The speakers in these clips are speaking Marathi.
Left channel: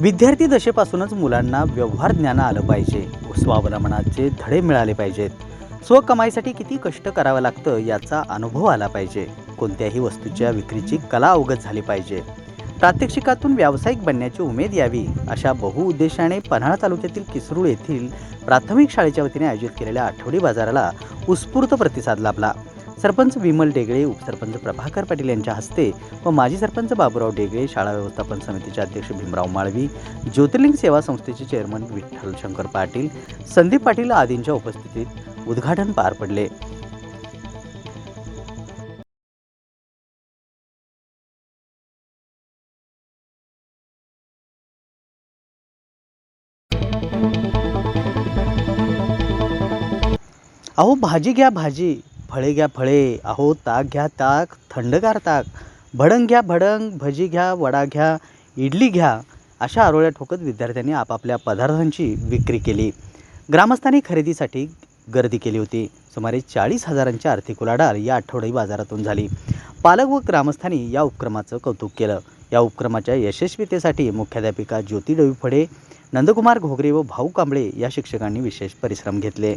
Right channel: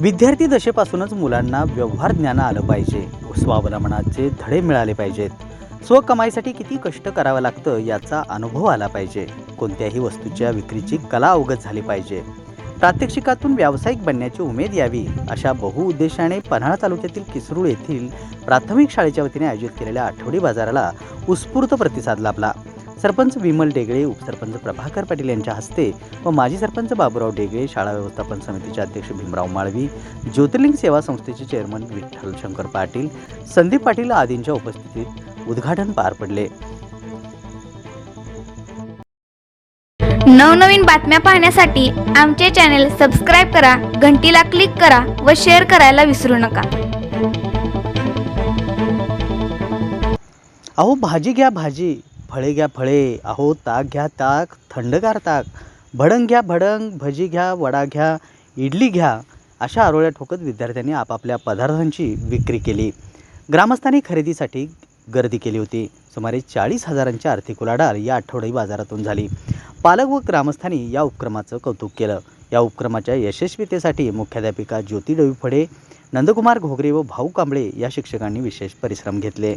विद्यार्थी दशेपासूनच मुलांना व्यवहार ज्ञान आलं पाहिजे. स्वावलंबनाचे धडे मिळाले पाहिजेत. स्वकमाईसाठी किती कष्ट करावं लागतं याचा अनुभव आला पाहिजे. कोणत्याही वस्तूच्या विक्रीची कला अवगत झाली पाहिजे. प्रात्यक्षिकातून व्यावसायिक बनण्याची उमेद यावी अशा बहुउद्देशाने पन्हाळा तालुक्यातील किसरूळ येथील प्राथमिक शाळेच्या वतीने आयोजित केलेल्या आठवडी बाजाराला उत्स्फूर्त प्रतिसाद लाभला. सरपंच विमल डेगळे उपसरपंच प्रभाकर पाटील यांच्या हस्ते व माजी सरपंच बाबूराव डेगळे शाळा व्यवस्थापन समितीचे अध्यक्ष भीमराव माळवी ज्योतिर्लिंग सेवा संस्थेचे चेअरमन विठ्ठल शंकर पाटील संदीप पाटील आदींच्या उपस्थितीत उद्घाटन पार पडले. नवनवीन बातम्या पाहण्यासाठी आमचे चॅनेल सबस्क्राईब करा घंटीला क्लिक करा व शेअर करायला विसरू नका. अहो भाजी घ्या भाजी. फळे घ्या फळे अहो ताक घ्या ताक थंडगार ताक. भडंग घ्या भडंग भजी घ्या वडा घ्या इडली घ्या अशा आरोळ्या ठोकत विद्यार्थ्यांनी आपापल्या पदार्थांची विक्री केली. ग्रामस्थांनी खरेदीसाठी गर्दी केली होती. सुमारे चाळीस हजारांची आर्थिक उलाढाल या आठवडी बाजारातून झाली. पालक व ग्रामस्थांनी या उपक्रमाचं कौतुक केलं. या उपक्रमाच्या यशस्वीतेसाठी मुख्याध्यापिका ज्योती डवी फडे नंदकुमार घोगरे व भाऊ कांबळे या शिक्षकांनी विशेष परिश्रम घेतले.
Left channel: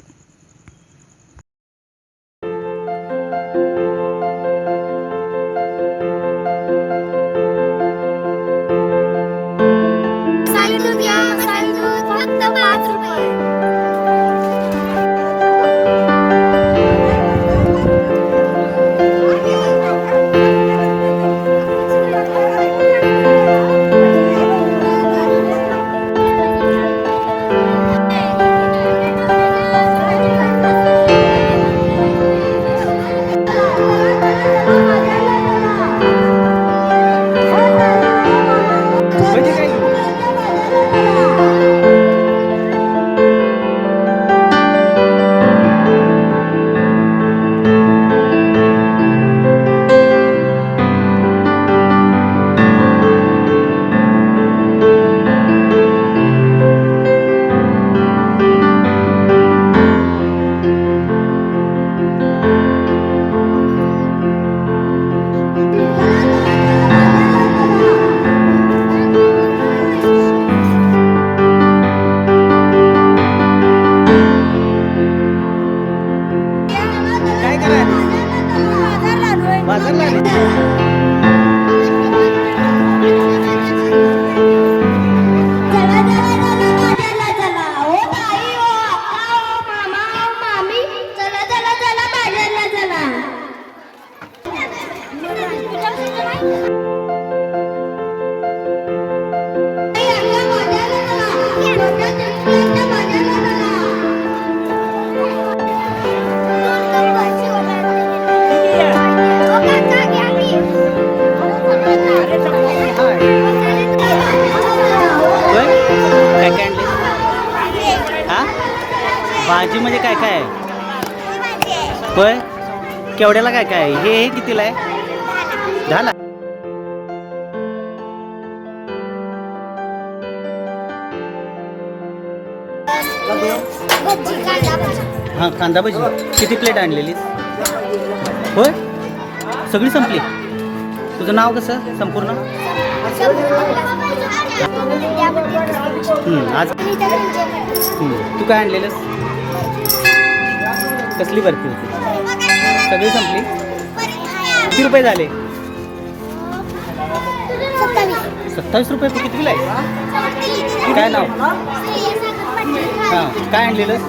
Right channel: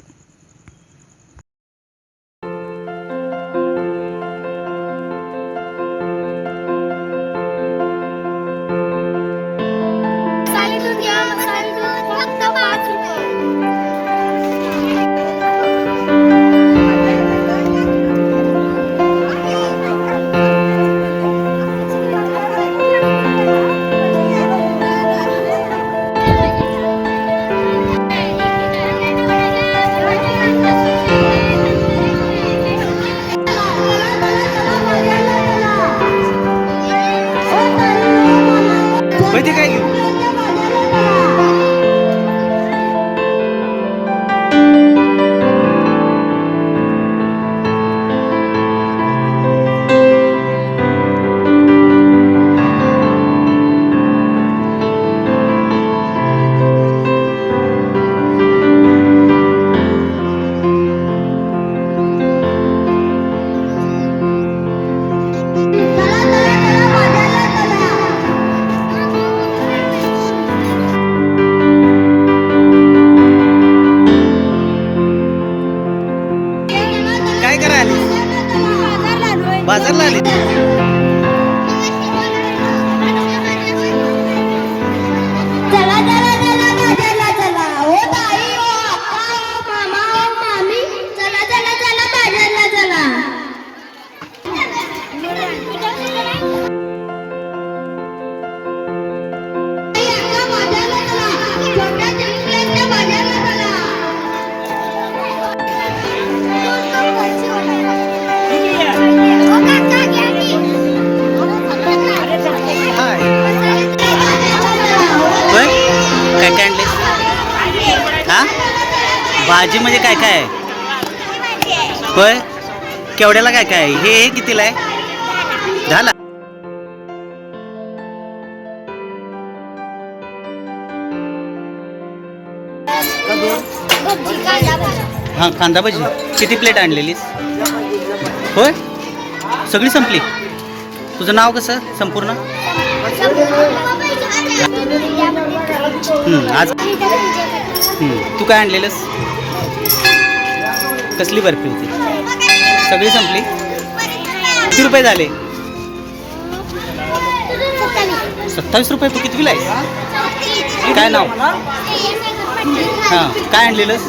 बाजारला आली काय काय आणले? हा? भाजी म्हणजे काय काय? आहे होय? केवढ्याला काय काय? आहे? हे हे कितीला आहे? झाला. हां कांदा भजी. किती प्लेट आणलेलीस? होय? सगळी संपली? तुझं नाव कसं? संपूर्ण? आज तू काय आणलेलंस? कसली बर्फी होती? सगळी संपली? किती रुपये झाले? सत्तावीस रुपये तू कितवीला आहे काय नाव? हां काय आणलेलंस?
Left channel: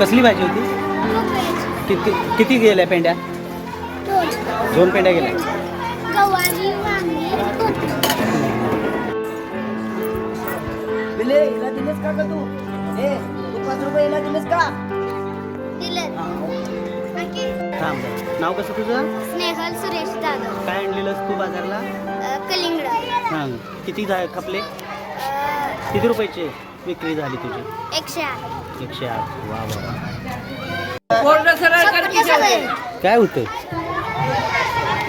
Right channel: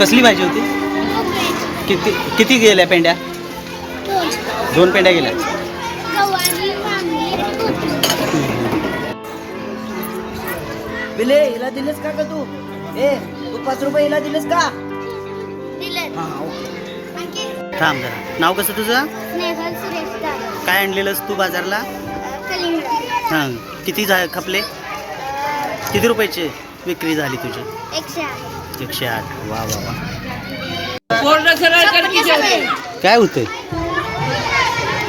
कसली भाजी होती? किती किती गेल्या पेंड्या? दोन पेंड्या गेल्या? बिले हिला दिलेस का ग तू? ए तू पाच रुपये हिला दिलेस का? दिलं थांब जरा. नाव कसं तुझं? स्नेहल सुरेश जाधव काय आणलेलंस तू बाजारला? कलिंगड. हां किती झा खपले? किती रुपयाचे विक्री झाली तुझी? एकशे आठ. एकशे आठ. वा वा वा. की. काय होतंय?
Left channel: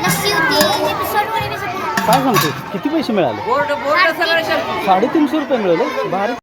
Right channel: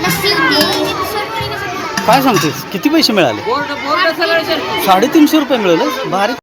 लस्सी होती काय सांगतेस? किती पैसे मिळाले? साडेतीनशे रुपये मिळाले. भारी.